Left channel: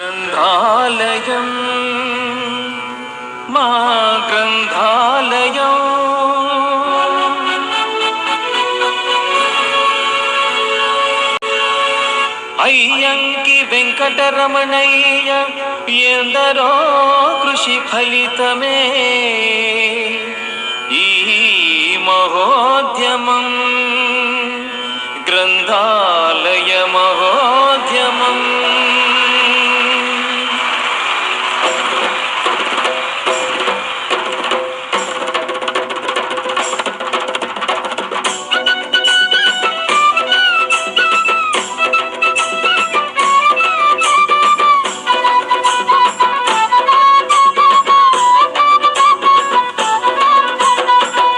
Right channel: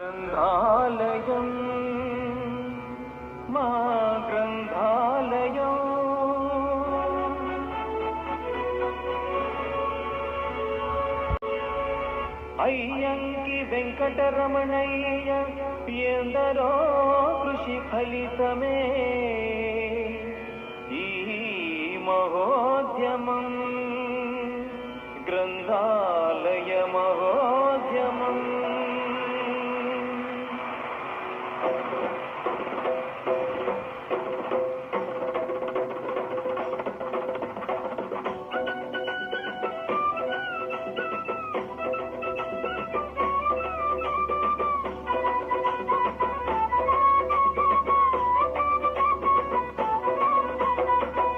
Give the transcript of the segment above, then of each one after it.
గ్రంథాలయం మా గ్రంథాలయం అయ్యంకి వెంకటరమణయ్య ఎందరో కృషి ఫలితమే ఈ మహోద్యమం గ్రంథాలయ మహోద్యమం.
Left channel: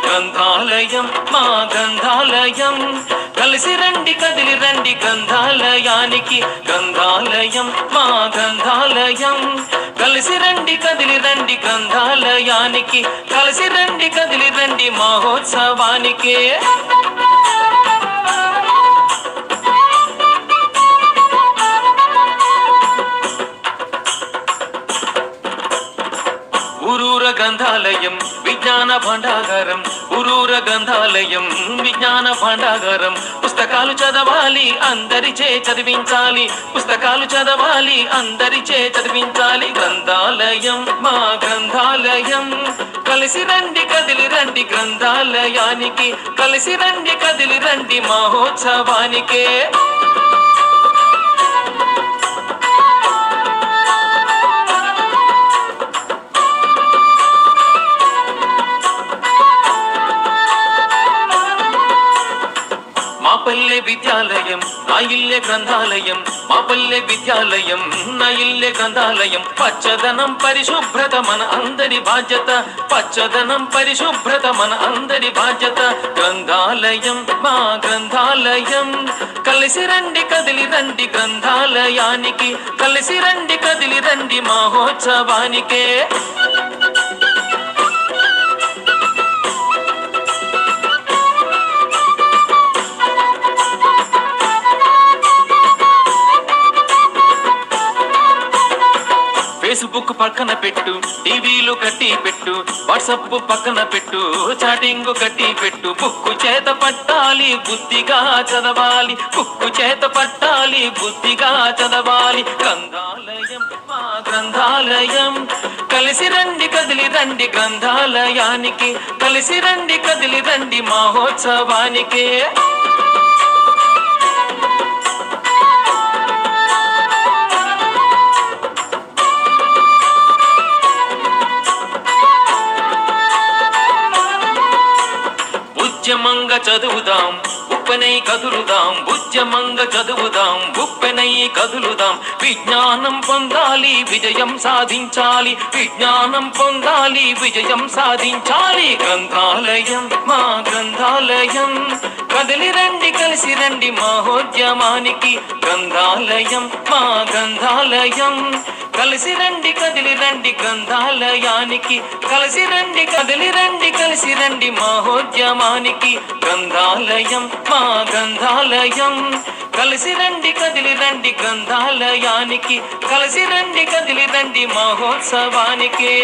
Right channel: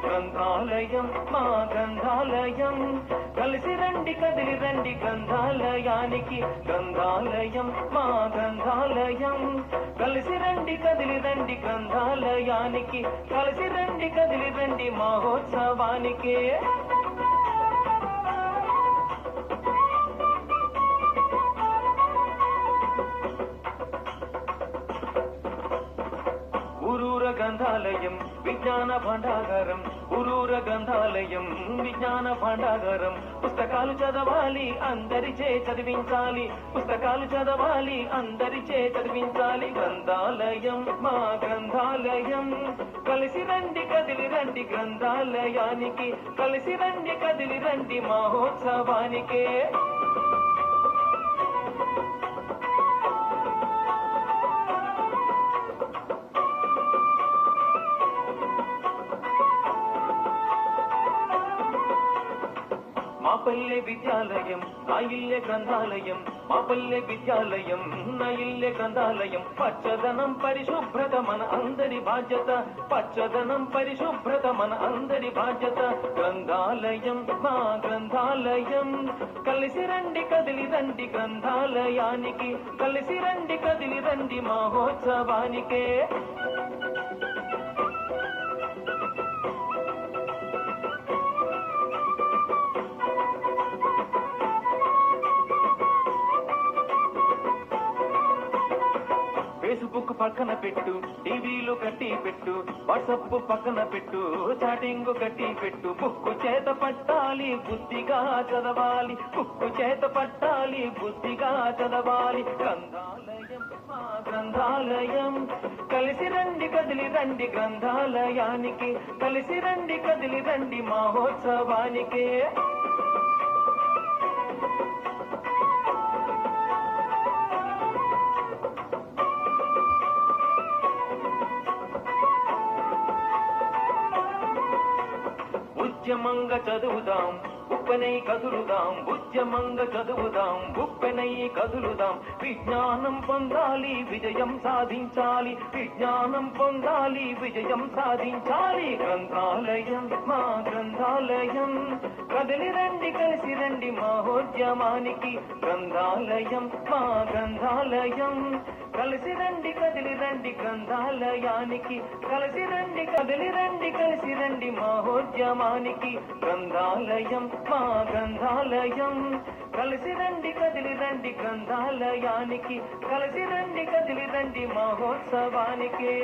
గ్రంథాలయం మా గ్రంథాలయం కలిసి రండి కదిలి రండి గ్రంథాలయానికి. గ్రంథాలయం మా గ్రంథాలయం కలిసి రండి కదిలి రండి గ్రంథాలయానికి. కలిసి రండి కదిలి రండి మహోత్సవానికి. ఊరూర గ్రంథాలయం విజ్ఞాన భాండాగారం. ఊరూర గ్రంథాలయం విజ్ఞాన భాండాగారం. పుస్తకాలు చదవాలి అందరిచే చదివించాలి. పుస్తకాలు చదవాలి అందరిచే చదివించాలి. గ్రంథాలయం మా గ్రంథాలయం కలిసి రండి కదిలి రండి గ్రంథాలయానికి. కలిసి రండి కదిలి రండి మహోత్సవానికే. మా పల్లె విద్యాలయం నా ఇల్లే గ్రంథాలయం. మా పల్లె విద్యాలయం నా ఇల్లే గ్రంథాలయం. పచ్చదనం పరిశుభ్రత మన అందరి బాధ్యత. పచ్చదనం పరిశుభ్రత మన అందరి బాధ్యత. గ్రంథాలయం మా గ్రంథాలయం కలిసి రండి కదిలి రండి గ్రంథాలయానికి. కలిసి రండి కదిలి రండి మహోత్సవానికే. ఫేస్బుక్ పక్కన పెట్టు, టీవీలు కట్టి పెట్టు, వాట్సాప్ పక్కన పెట్టు, చాటింగ్ కట్టి పెట్టు. బుక్కు చేత పట్టాలి బుద్ధిగా చదవాలి. బుక్కు చేత పట్టాలి బుద్ధిగా చదవాలి. గ్రంథాలయం మా గ్రంథాలయం కలిసి రండి కదిలి రండి గ్రంథాలయానికి. కలిసి రండి కదిలి రండి మహోత్సవానికి. ఉద్యమంగా చదువుదాం ఉప్పెనై కదులుదాం. ఉద్యమంగ చదువుదాం ఉప్పెనై కదులుదాం. విజ్ఞానం పొందాలి విజయం సాధించాలి. విజ్ఞానం పొందాలి విజయం సాధించాలి. గ్రంథాలయం మా గ్రంథాలయం కదిలి రండి కలిసి రండి మహోద్యమానికి. గ్రంథాలయం మా గ్రంథాలయం కలిసి రండి కదిలి రండి గ్రంథాలయానికి. కలిసి రండి కదిలి రండి కలిసి రండి మహోద్యమానికి. గ్రంథాలయం మా గ్రంథాలయం కలిసి రండి కదిలి రండి గ్రంథాలయానికి. కలిసి రండి కదిలి రండి మహోత్సవానికి.